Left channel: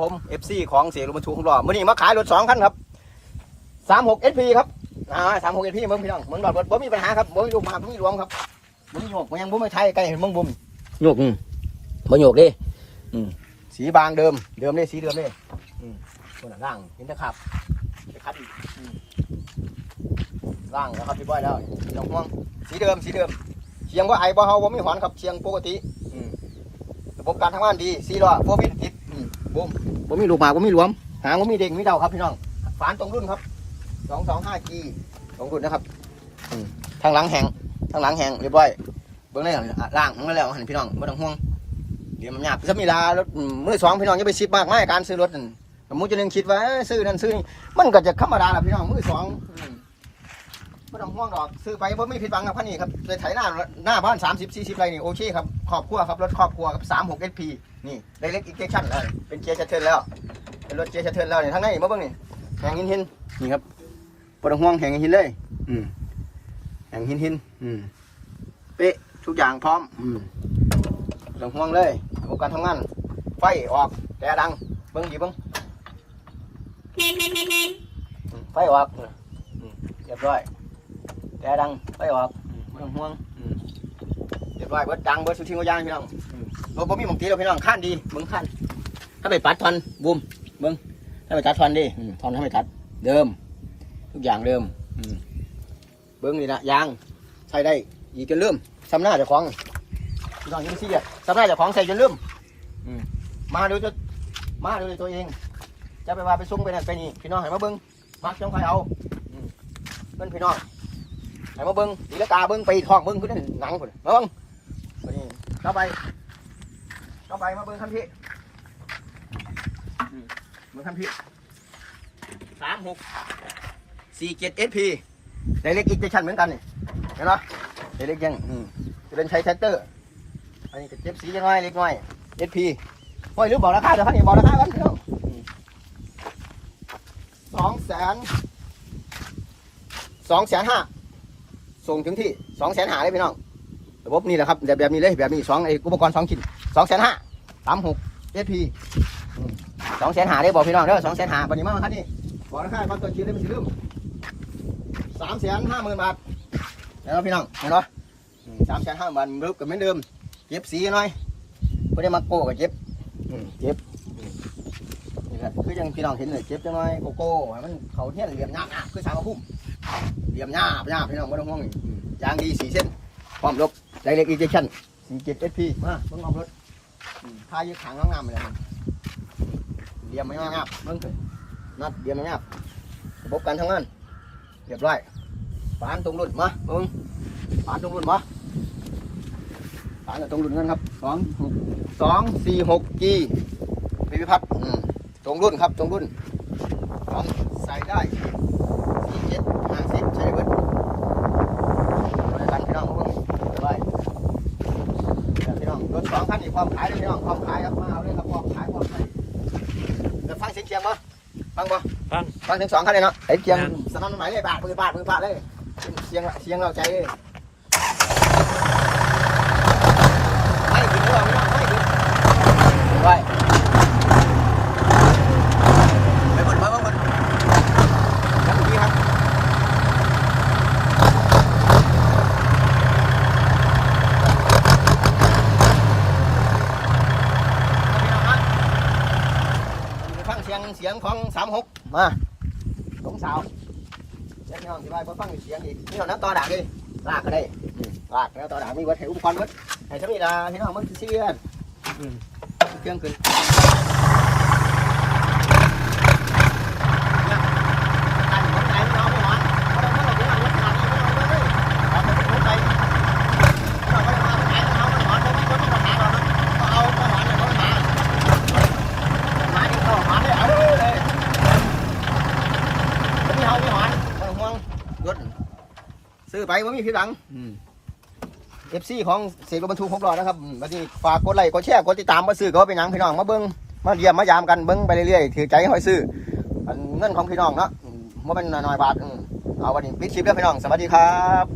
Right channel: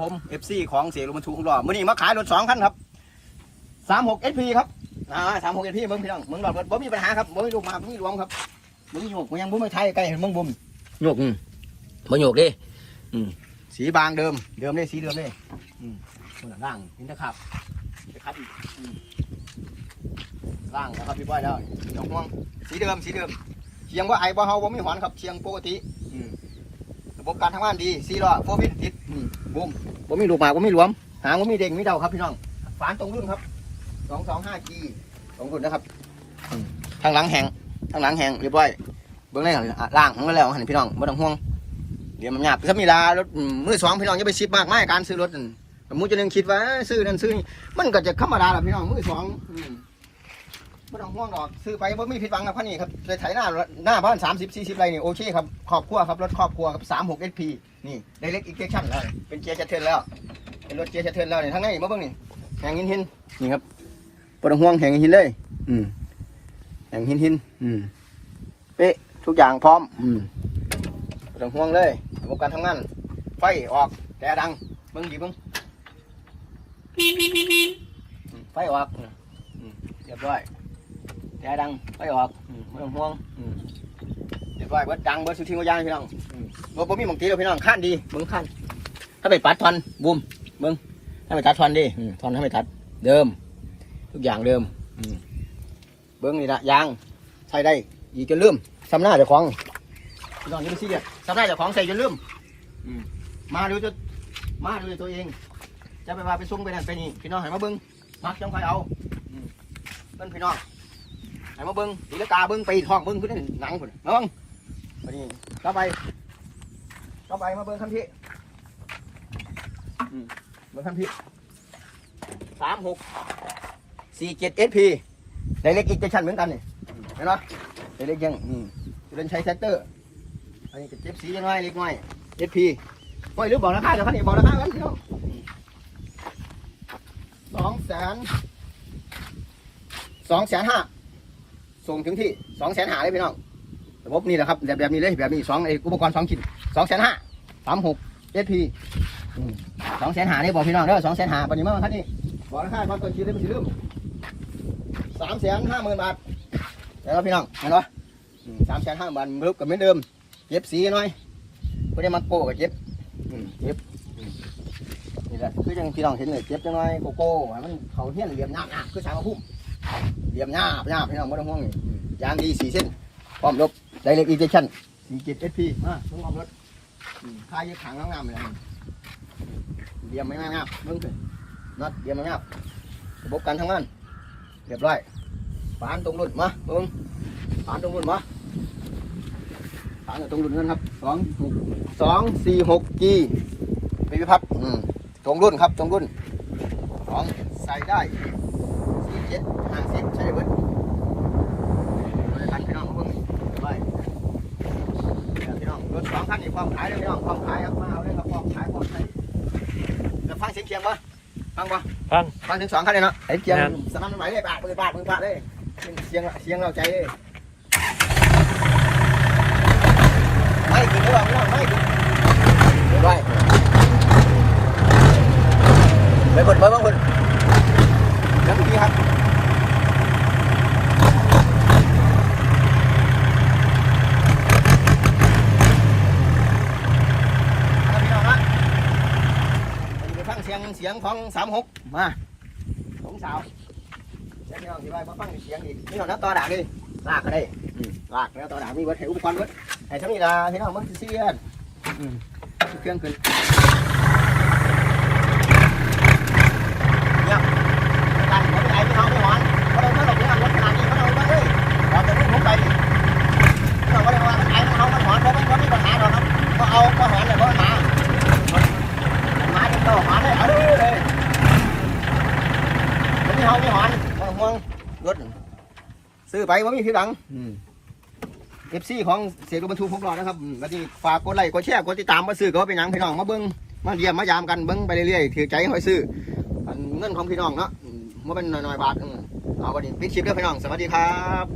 ผมเอฟซีของเสียรถบรรทุกของเรามื่อนี้มาขายรถสองคันครับสามหกเอสพีครับอ่าสามหกเอสพีมึงพี่น้องเหมือนแบบว่าบ่มีปัญหาครับบ่มีลูกหมากบ่มีหลวงครับบ่มีโยกบ่ยังบ่ไม่ไทยใกล้เห็นมึงบุมโยกอืมบ่โยกดิอืมสีบางเดิมเดิมเลยสีเดิมเลยอืมคนละล่างเห็นไหมครับครับอืมล่างแล้วครับพี่บอยแล้วไม่ต้องห่วงสีเดิมสีเดิมเชียงว่าไอ้บ่เฮาบ่มีหวานครับเชียงปกติอืม ระบบการทำงานดีสีล้อโฟวินติดอืมบุมผมมีลูกหมากผมมีหลวม หางผมมีเด้งมีเดาครับพี่น้องฝานตรงรุ่นครับสองสองห้ากีตรงรุ่นนะครับอืมทางหลังแหงทางหลังแหงเรียบร้อยเบื้องในอะล่างของมันแล้วหันพี่น้องไม่ต้องห่วงเดี๋ยวมันหยาบถ้ามีลารถมือสองพี่น้องอย่าไปชิดมากไม่การซื้อรถนั่นสมมุติจะนึงคิดว่าซื้อนั่นซื้อนี่มันก็จะธรรมดาแหละพี่น้องมือสองอืม ไม่ต้องห่วงดอกซื้อไปบ่มีผิดหวังครับคันนี้ครับไปไถหน้าหน้าบ้านสามสิบสี่สิบไรนี่โอเคครับครอบครัวครับรถครอบครัวครับสามหกเอพีนี่ได้เล็กอีกเจชั่นแล้วเป็นเกียร์ชัตเทิลแล้วเป็นรถเกียร์ชัตเทิลแล้วนี่ทั้งในมาเบิ่งนี่แหงหินหินนี่ครับปวดห่วงแหงหินเลย อืมแหงหินหินอืมเป๊ะทุกอย่างพร้อม อืมปวดห่วงเลยระบบการทำงานไฟออกแต่ดังเบิ่งดีเบิ่งอืมไฟออกเรียบร้อย แต่ดังไฟออกอืมไม่ต้องห่วงอืมเรียบร้อยเบิดดังเบิดสุดทิ้งเอายางพี่น้องอืมรถบ่มีหมองตีเราพี่น้องขั้นดีเบิ่งขั้นถ้าไปปัดทอนบูมเบิ้งถ้าไปตัดทอนดิอืมทอนให้ไปตัด เดิม ทุกอย่างเดิมอืมเบิ้งนี่นะยางใช้ได้อีกจนลืมซ้ำหน้าเจ้าของพี่น้องอยังไม่ซีเรียสซ้ำหน้าเจ้าของใส่จนลืมอืมมาเดี๋ยวจะมาเดี๋ยวตัวเอง จะไปว่าไปซุ่มไปนั่นไปนี่พี่น้องให้มาเบิ้งมักจังใครเอาอืมเบิ้งพี่น้อง ให้มาเบิ้งดีละตาเบิ้งไปทอกเบิ้งคือนั่นหนังพุ่นมาเบิ้งวันนี้เข้าไปเข้าไปมาเบิ้งคันพี่เบอร์คัมพิสามหกสี่เจ็ดเอสพีในเล็กอีกเจชันเหมือนกันนี่เห็นไหมในเล็กยังอืมจะเป็นใช้เซนเตอร์อันนี้ก็เจ็บสียังไงเล็กน้อยเอสพีโอ้ยหรือบอกราคาเดี๋ยวคันนี้บอกราคาแล้วสองแสนสองแสนห้า ส่งถึงที่สองแสนห้าเลยพี่น้องระบบนี่แหละครับแบบแบบนี้เลยแบบนี้สองไอ้อุปกรณ์สองชิ้นสองแสนห้าสามหกเอสพีสองแสนหาได้บอกพี่น้องเด้อสองแสนหาปันนี้มาครับนี่บอกราคาความตัวคิดได้ไม่ถึงลืมสามแสนห้าหมื่นบาทเดี๋ยวพี่น้องเห็นปะสามแสนห้าบาทรูปกับเหมือนเดิมเก็บสีหน่อยเพื่อได้มาโก้กับเก็บเก็บนี่แหละคือจังพี่น้องเห็นเลยเก็บจังหน่อยโกโก้มันเขาเที่ยนเหลี่ยมหน้าหน้าคือสามพุ่ม เหลี่ยมหน้าหน้าพี่น้องไม่ต้องห่วงนี่อืมยางดีสี่เส้นพร้อมลบไดเรกอีเจชั่นสี่เจ็ดเอสพีมามึงเอารถอืมค่ายึดถังน้องามเลยเดี๋ยวมันงาบมึงสินัดเดี๋ยวมันงาบระบบการทำงานเรียบร้อยฝานตรงรุ่นมามึงฝานตรงรุ่นมาฝานตรงรุ่นนั่นครับสองหกสองสี่หกจีพิพัฒน์ตรงรุ่นครับตรงรุ่นของ ส่ได้สี่เจ็ดห้าสิบใช่เบิดกันพี่น้องเอาเบิ่งเรียบร้อยเดี๋ยวพี่น้องรถสองท่านนี่พร้อมขายเลยพี่น้องพร้อมขายครับมาเอาเลยครับพร้อมขายพร้อมขายเดี๋ยวฟังเสียงเคียงบ่ฟังบ่ฟังฟังเสียงสองคันเลยเนาะไอ้เคียงครับสนั่นไหมเลยบาดมือบาดมือบาดเลยเสียงเสียงเราใจเลยไม่กินไม่หรอกไม่หรอกไม่กินไม่ไหวไปบนไปบนบนยังดีครับพี่น้องครับ ไปฟัง เสียงเสียงของสามหกมาสองสาวเสียงน้องที่ว่าไปฟังเสียงอีกนี่เราน้ำต่อด่างดิลากก็ได้อืมลากแล้วต่อด่างมีวัตถุอุปกรณ์มั้ยไอ้ทั้งนี้ละพี่น้องมันเสียนอืมเครื่องขึ้นเนี่ยตั้งไว้ไหนไม่น้องไม่หวานเขาเลยไม่ต้องไปเอารถขนาดนี้ไม่ต้องไปเลยเราจะขึ้นไปเราก็เลยว่าไอ้เขามันหวานเพราะมันไม่มีปัญหาหรอกครับก็เอาก็หวานเลยเพราะปัญหา มาจะต่อมาเลยเอาเลย ไมมีเฮามีหอนมาห่วงรถซื้อไปว่ามีผิดหวังเอฟซีของเสียรถบรรทุกหกล้อนะครับมาที่ฝากกดไลค์กดแชร์กดติดตามมาซื้อเขาเป็นหยังพี่น้องมาเบิ้งมาเยี่ยมมายามกันเบิ้งไปเรื่อยๆถือใจให้อยซื้อเงินของพี่น้องเนาะมบ่เป็นน้อยๆบาทเอาวันนี้ปิดคลิปแล้วพี่น้องสวัสดีครับ